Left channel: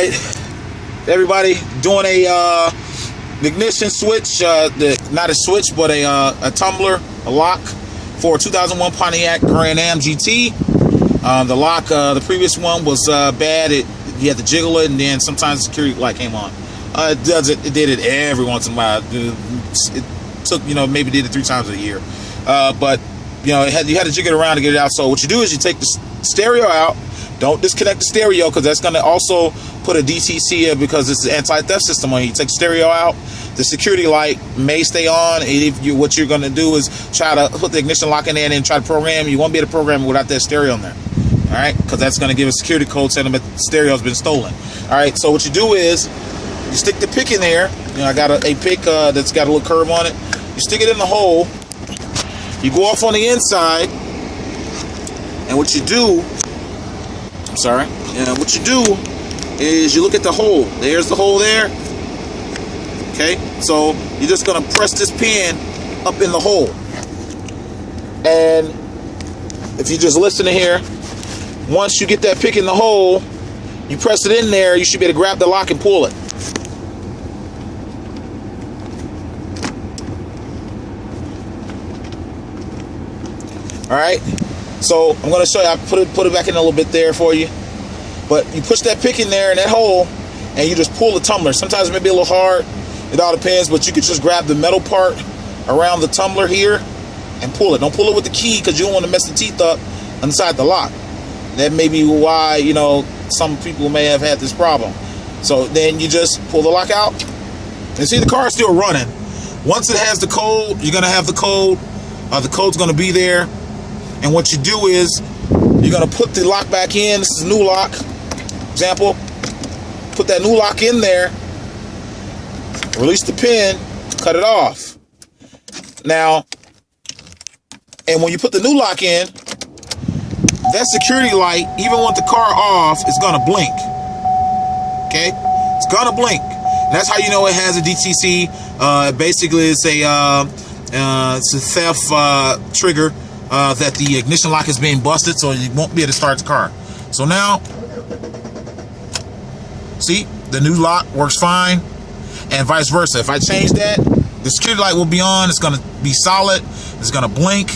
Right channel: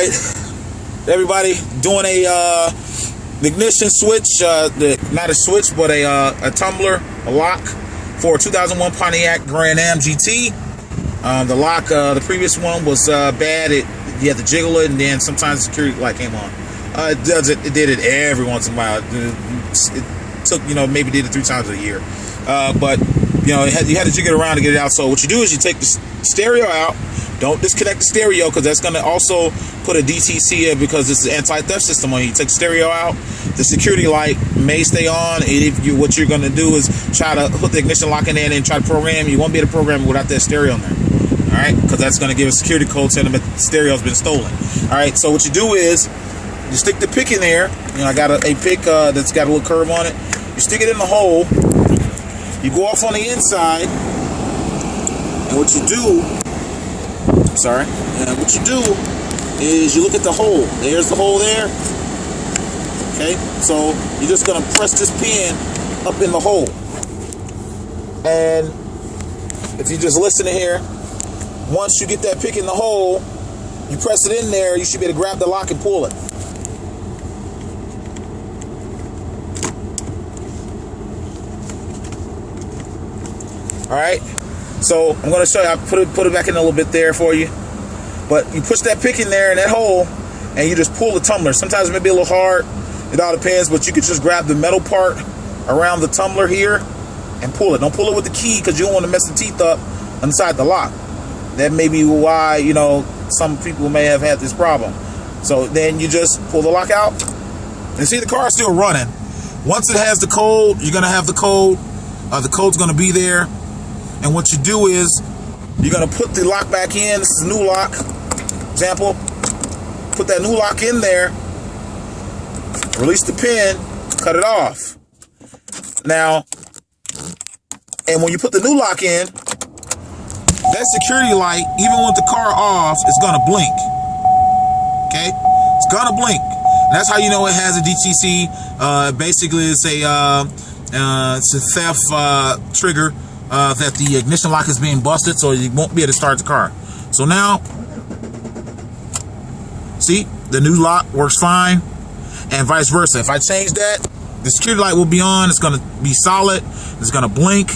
right, everybody, doing a ignition switch, not a switch, but a tumbler, a lock for a 2001 Pontiac Grand Am GT. The lock, the previous one was bad. You had to jiggle it, and then sometimes the security light came on. It did it every once in a while. It took, maybe did it 3 times a year. But you had to jiggle it around to get it out. So what you do is you take the stereo out. Don't disconnect the stereo, because that's going to also put a DTC in, because it's an anti-theft system on you. You take the stereo out, the security light may stay on. And what you're going to do is try to put the ignition lock in there and try to program. You won't be able to program it without that stereo in there. All right, because that's going to give a security code telling them that the stereo has been stolen. All right, so what you do is you stick the pick in there. I got a pick that's got a little curve on it. You stick it in the hole. You go off on the inside, and what you do, what you do is you look at the hole. There's the hole there. Okay, so you're just gonna press this pin up in the hole, and if you just listen to here, once you get that pick in the hole, you press it in there, you should be able to grab the lock and pull it. All right, so I'm going to show you. I put it back in a little bit there for you. But you push that pick in there in that hole, and you just pull the tumbler. Sometimes it may be a little hard. It all depends, but you can just grab the metal part around the tumbler here and pull it. Don't pull it with the key, because you don't want to mess the teeth up inside the lock. That may be why, some people may have had this problem. So then you just pull the lock out, and see, the car is still running. Once it has the code, you're going to have the code. The code's going to be there. And what you do is you're going to put the lock back in. This is a new lock. Example. Put that new lock in there. Release the pin. Cut it off. Now, and when you put the new lock in, that security light, even with the car off, is going to blink. Okay? It's going to blink. And that's how you know it has a DTC. Basically, it's a theft trigger. That the ignition lock is being busted, so you won't be able to start the car. So now, see, the new lock works fine, and vice versa. If I change that, the security light will be on. It's going to be solid. It's going to blink.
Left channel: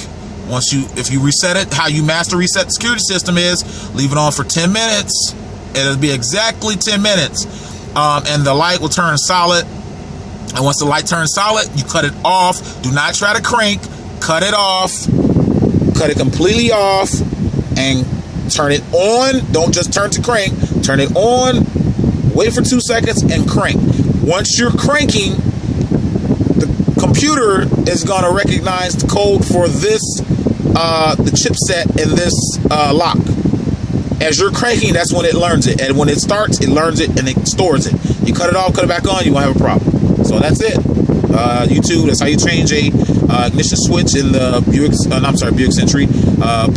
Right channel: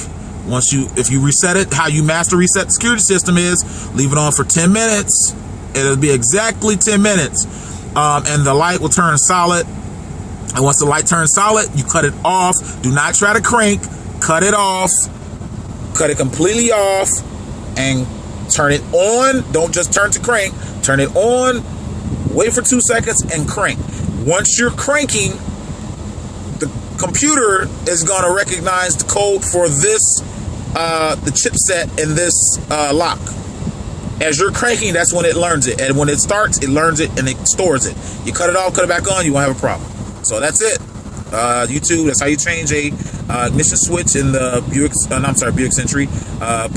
If you reset it, how you master reset the security system is leave it on for 10 minutes. It'll be exactly 10 minutes, and the light will turn solid. And once the light turns solid, you cut it off. Do not try to crank. Cut it off. Cut it completely off and turn it on. Don't just turn to crank. Turn it on, wait for 2 seconds, and crank. Once you're cranking, the computer is going to recognize the code for this, the chipset in this lock. As you're cranking, that's when it learns it. And when it starts, it learns it and it stores it. You cut it off, cut it back on, you won't have a problem. So that's it. YouTube, that's how you change a ignition switch in the Buick Century,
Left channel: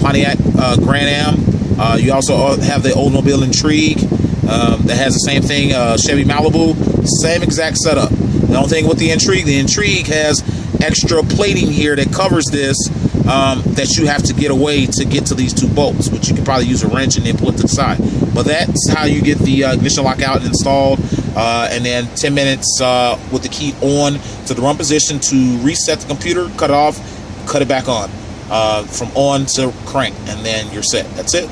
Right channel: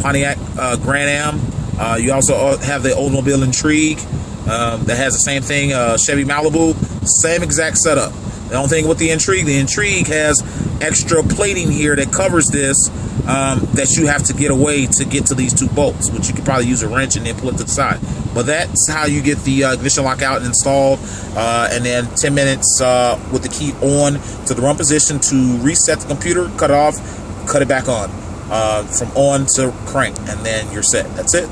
Pontiac Grand Am. You also have the Oldsmobile Intrigue that has the same thing, Chevy Malibu, same exact setup. The only thing with the Intrigue has extra plating here that covers this, that you have to get away to get to these 2 bolts, which you could probably use a wrench and then pull it to the side. But that's how you get the ignition lock out and installed, and then 10 minutes with the key on to the run position to reset the computer, cut it off, cut it back on, from on to crank, and then you're set. That's it.